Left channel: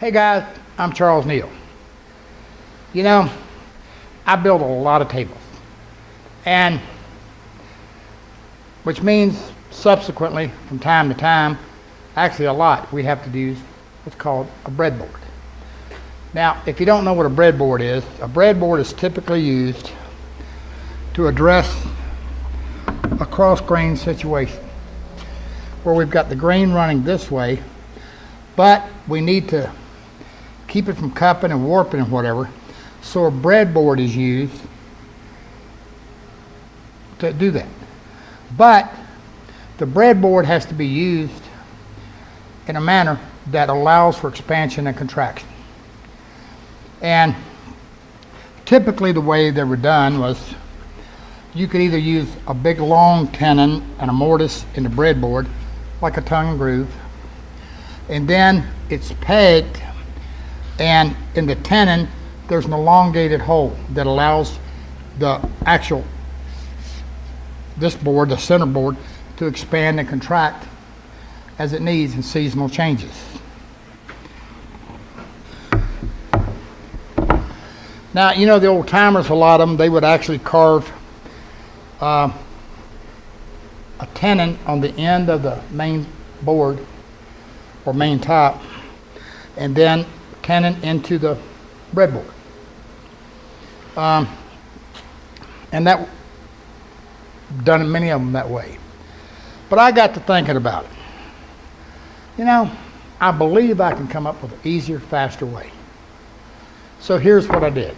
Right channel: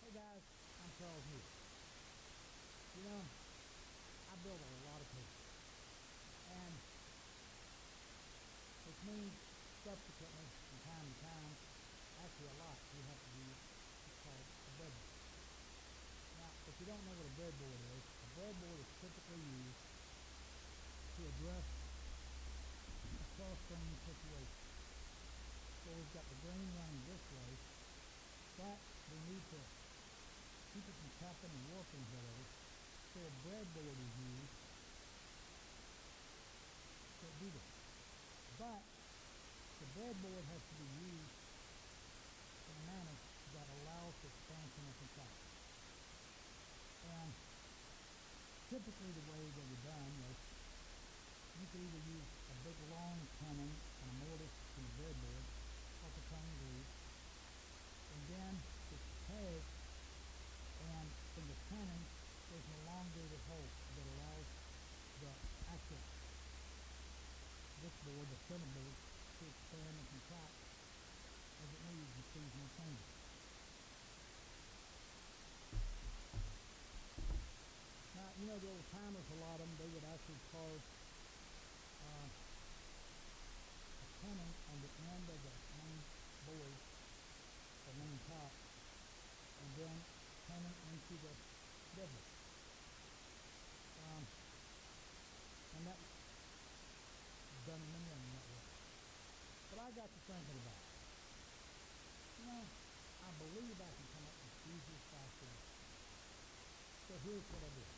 Hey guys, I'm Charles Neal. You know, I build a lot of tables, and which means subsequently, from time to time, actually a lot, we have to use what's called a breadboard. Now, if you don't know what a breadboard is typically used to address a cross-grain situation where we've got the grain running this way, but we need to keep it from cupping and warping and whatever. So a breadboard is used to do that. But the breadboard has to be used in a manner that allows for expansion and contraction. And typically the way they were done was you could either use a big long tenon and a mortise in the breadboard, like a tongue and groove, and then it's pegged, and in the tenon there's an elongated hole that allows this board, the center board, to expand and contract as it needs in seasonal changes. Now, you know, the old timers, a lot of them, they would actually carve a tenon on the end of the main board or main top, and then tenon into the breadboard. And that done many of them that way. But I got to thinking about it. You know, I believe I can come up with an easier, faster way. So here's what I did.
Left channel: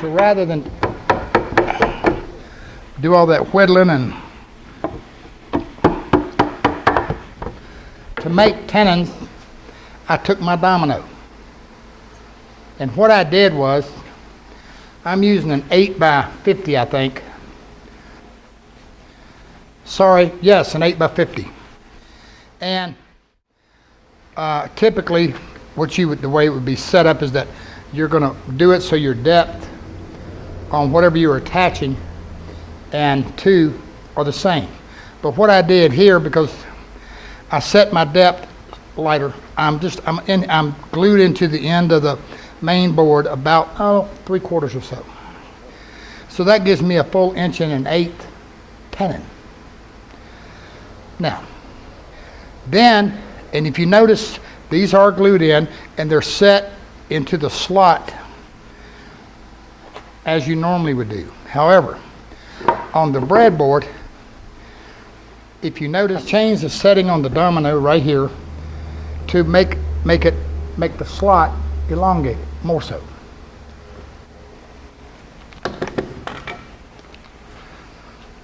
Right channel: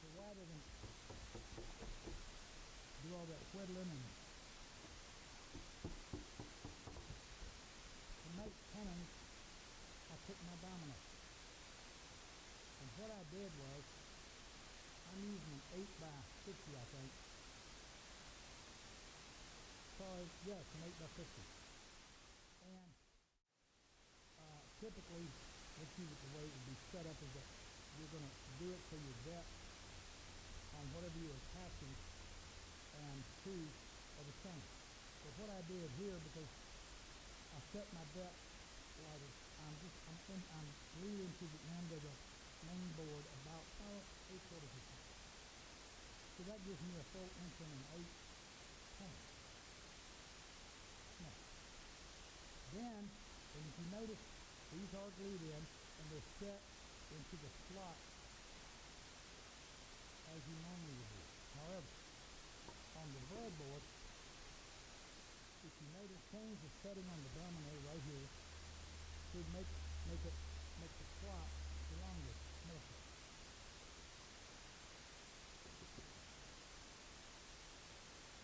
So rather than do all that whittling and to make tenons, I took my domino. And what I did was, I'm using an 8x50, I think. Sorry, yes, an 8x50. And typically, the way it would be set up is that you're going to do it so your depth on whatever you're attaching and two are the same. But what I did here, because I set my depth lighter, I'm glued into the end of the main board about 3/4 or so. So that gives me a full 1.1/8 tenon. Now, then, and if you notice, these are glued in and they're set into the slot as you normally would do. However, on the breadboard, if you notice, change the setting on the domino right here to make the slot elongated more so.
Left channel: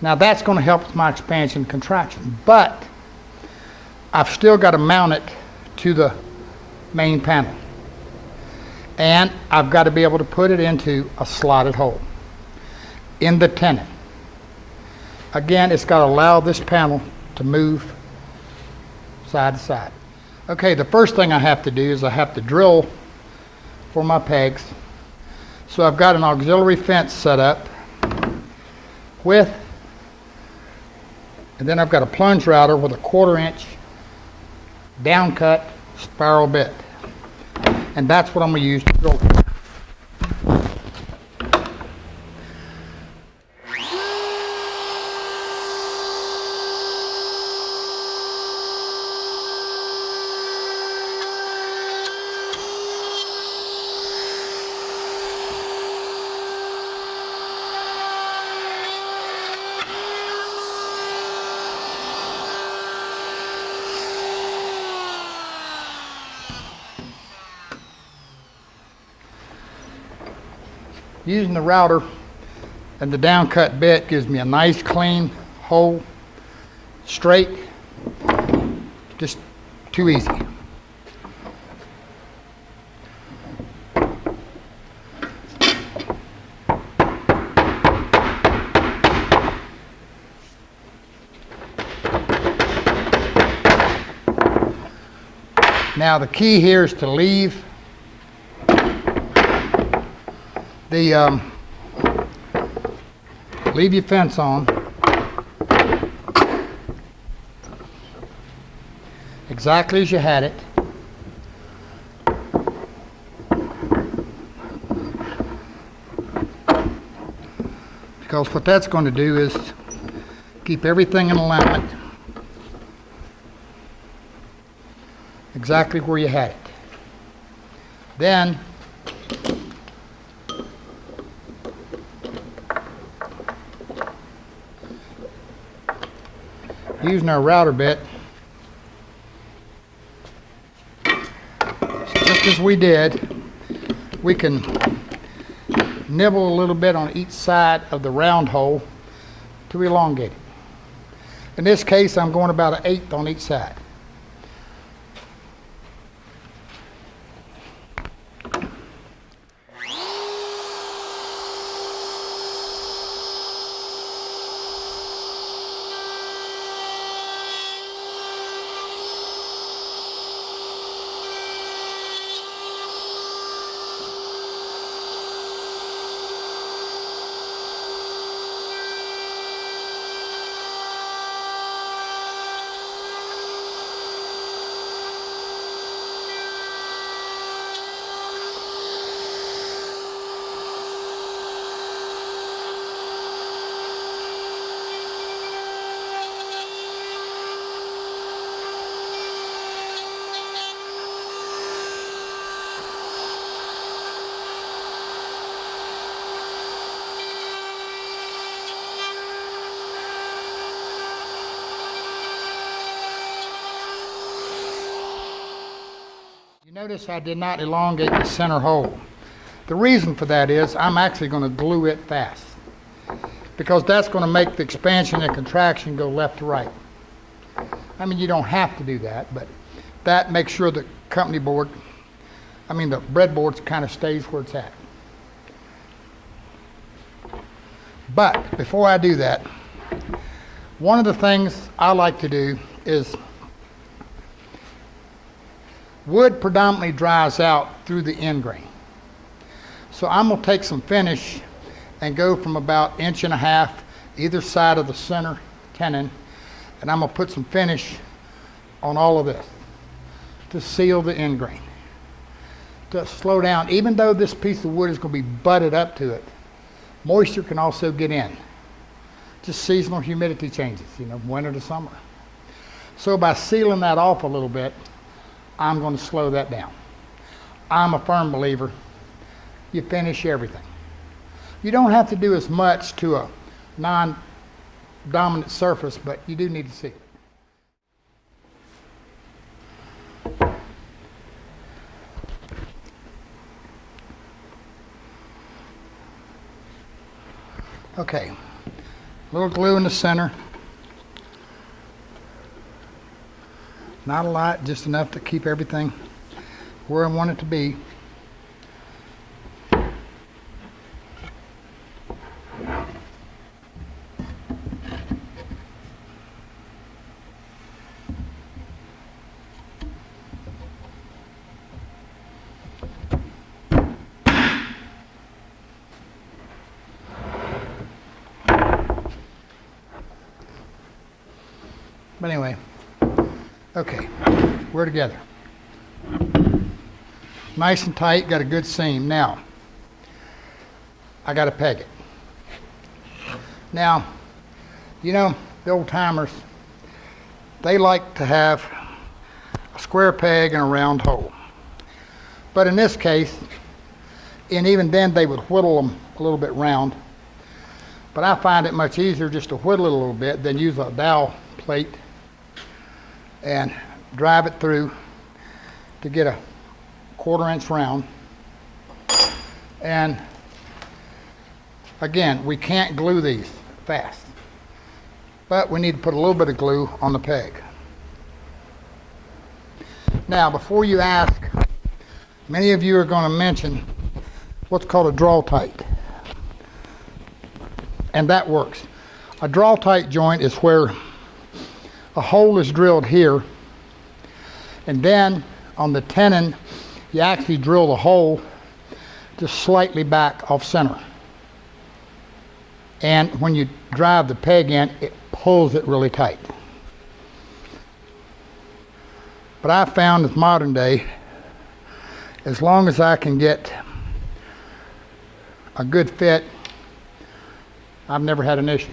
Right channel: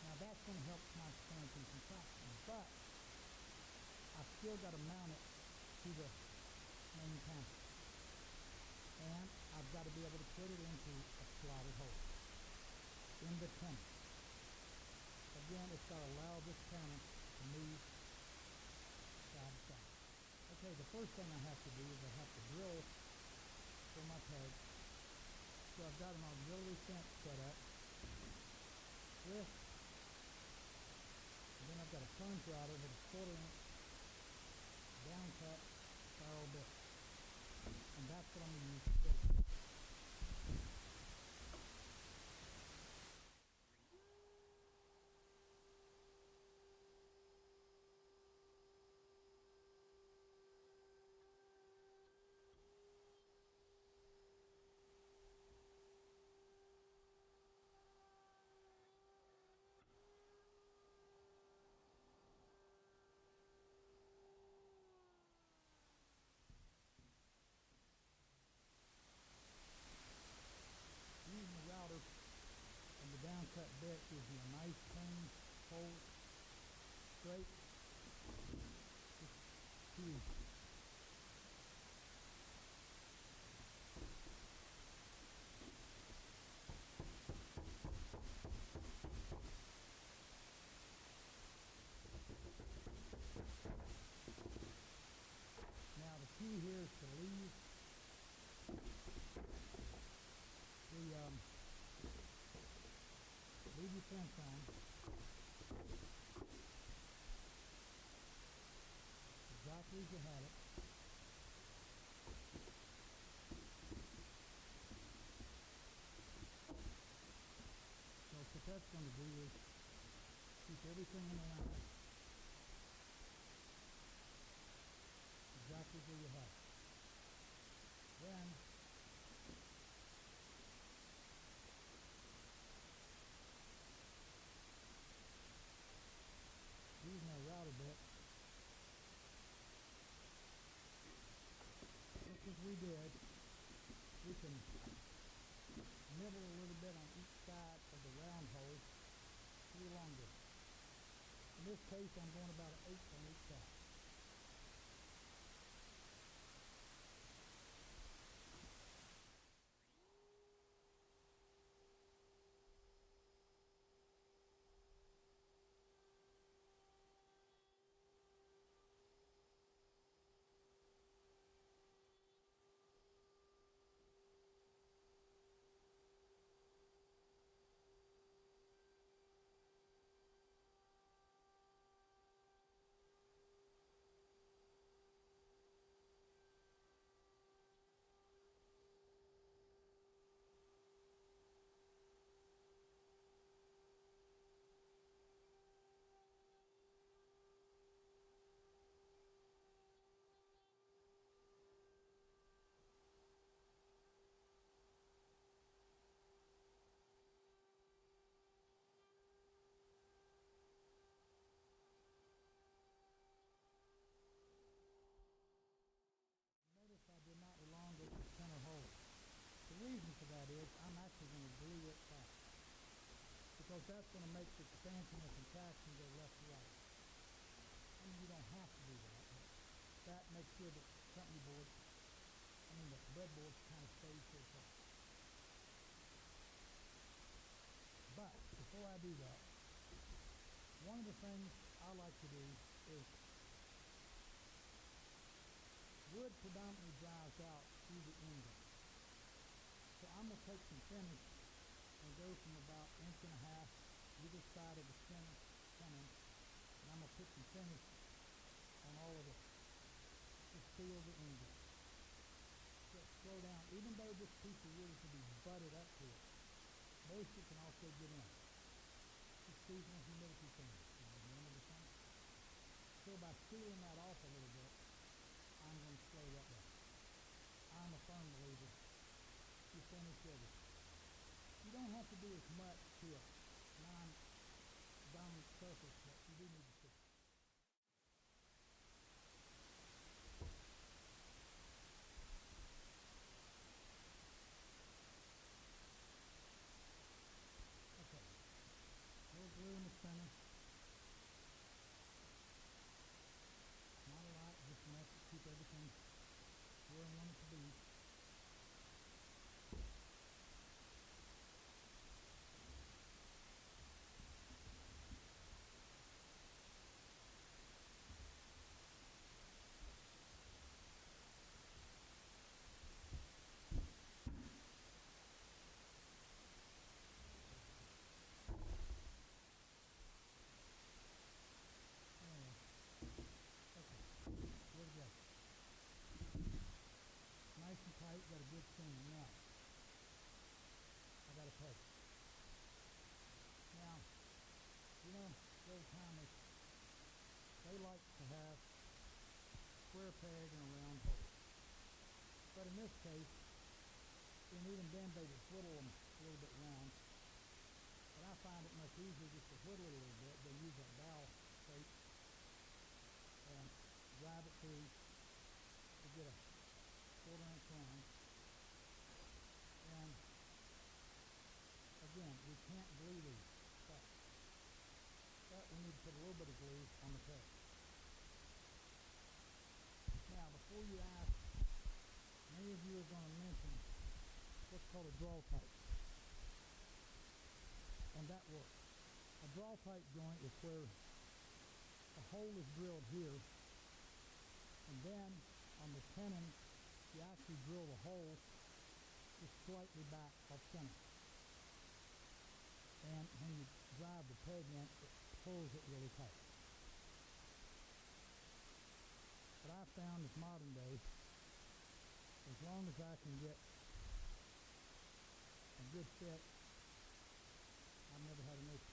Now that's going to help with my expansion and contraction, but I've still got to mount it to the main panel. And I've got to be able to put it into a slotted hole in the tenon. Again, it's got to allow this panel to move side to side. Okay, the first thing I have to do is I have to drill for my pegs. So I've got an auxiliary fence set up and then I've got a plunge router with a 1/4-inch down cut spiral bit. And that's what I'm going to use to drill it. Using the router and the down cut bit gives me a nice clean hole, straight, just too easy. Now the key here is to leave The leave your fence on exactly as you had it. Because what that's going to do is keep everything in alignment exactly where you had it. Then using our router bit, just as we did, we can nibble a little bit on each side of the round hole to elongate it. In this case, I'm going about 1/8 on each side. You notice I did not elongate the center hole. The reason for that is I'm actually going to glue it fast, because that's going to make the expansion and contraction go left to right. I mean, you don't have to do that, but that makes sure the company board, the breadboard kind of stays where it's at. But before I do that, one of the things I like to do is wood predominantly dries out through the end grain. So I'm going to take some finish and go from about 1.5 inches either side of the center tenon, and I'm going to put some finish on all of this to seal the end grain, to slow down. Even though this piece of wood is going to be butted up to it, moisture can also get in. Just seasonal humidity changes, winter to summer. So by sealing that off a little bit, I'm going to slow that down. I'm a firm believer, you finish everything. You don't have to do as much to a non-dominant surface, but you do need to seal it. Okay, a little glue in the center. Not a lot, just enough to keep everything where I want it to be. But anyway, okay, we're together. Nice and tight, got a good seam. Now, I got to peg it. Now, the old timers, they like to have a square peg and a round hole. But in this case, and even then they would whittle them a little bit round. But I find it much easier just to whittle it a little bit than use a dowel plate and drive it through to get a 1/4 inch round. And again, we can't glue these fast, but we need to put a little bit of glue on the peg. Now, before you ask, many of you are going to mention what's called a draw tight, and that works. A draw tight joint is where a hole is drilled here, and then on the tenon you actually drill the hole just slightly back off center. And when you drive the peg in, it pulls it really tight. But I found with modern day, as long as I can get a good fit, I've never had an issue.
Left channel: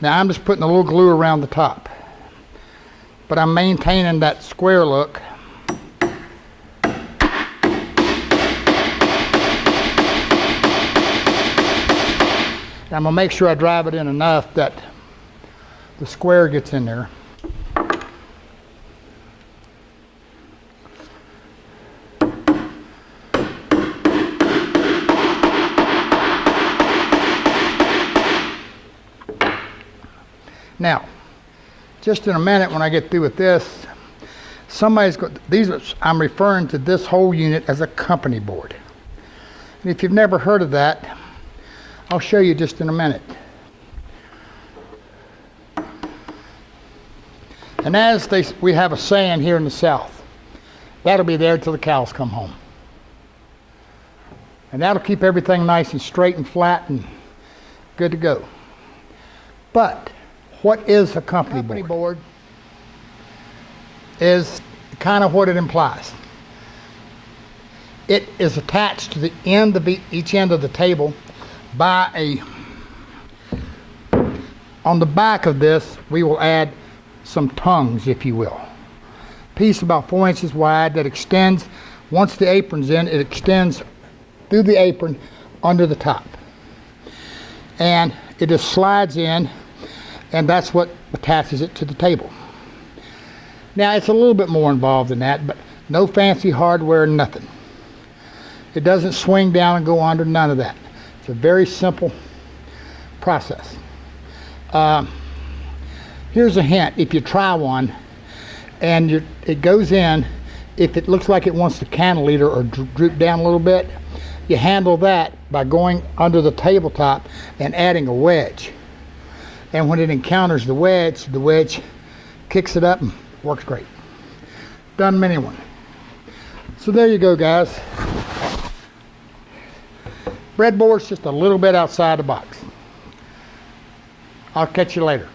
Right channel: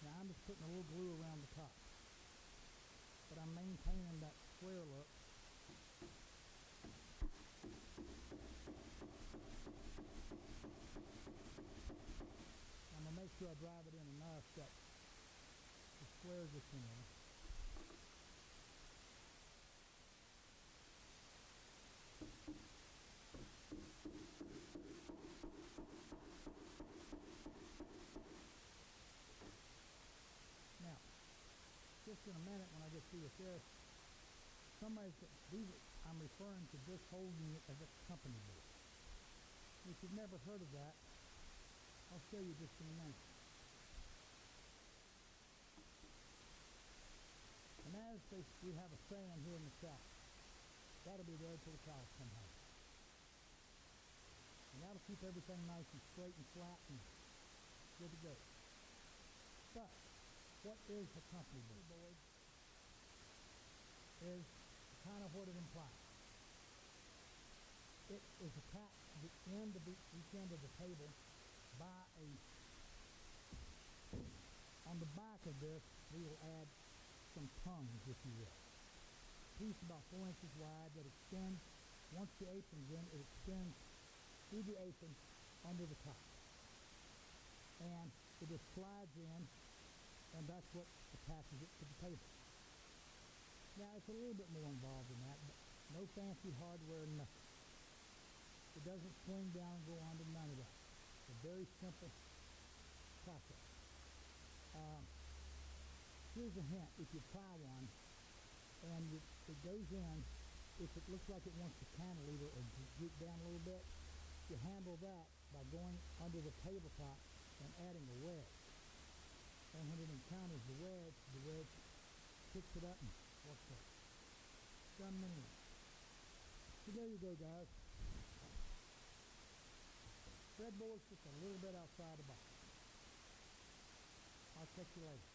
Now I'm just putting a little glue around the top, but I'm maintaining that square look. I'm gonna make sure I drive it in enough that the square gets in there. Now, just in a minute when I get through with this, somebody's got, I'm referring to this whole unit as a company board. And if you've never heard of that, I'll show you just in a minute. And as we have a saying here in the South, that'll be there till the cows come home. And that'll keep everything nice and straight and flat and good to go. But what is a company board? Is kind of what it implies. It is attached to the end of each end of the table by on the back of this, we will add some tongues, if you will. Piece about 4 inches wide that extends, once the apron's in, it extends through the apron under the top. And it just slides in, and that's what attaches it to the table. Now, it's a little bit more involved than that, but no fancy hardware, nothing. It doesn't swing down and go under, none of that. It's a very simple process. Here's a hint. If you try one and it goes in, if it looks like it wants to cantilever or droop down a little bit, you handle that by going under the tabletop and adding a wedge. And when it encounters the wedge kicks it up and works great. Done many one. So there you go, guys. Breadboard's just a little bit outside the box. I'll catch you later.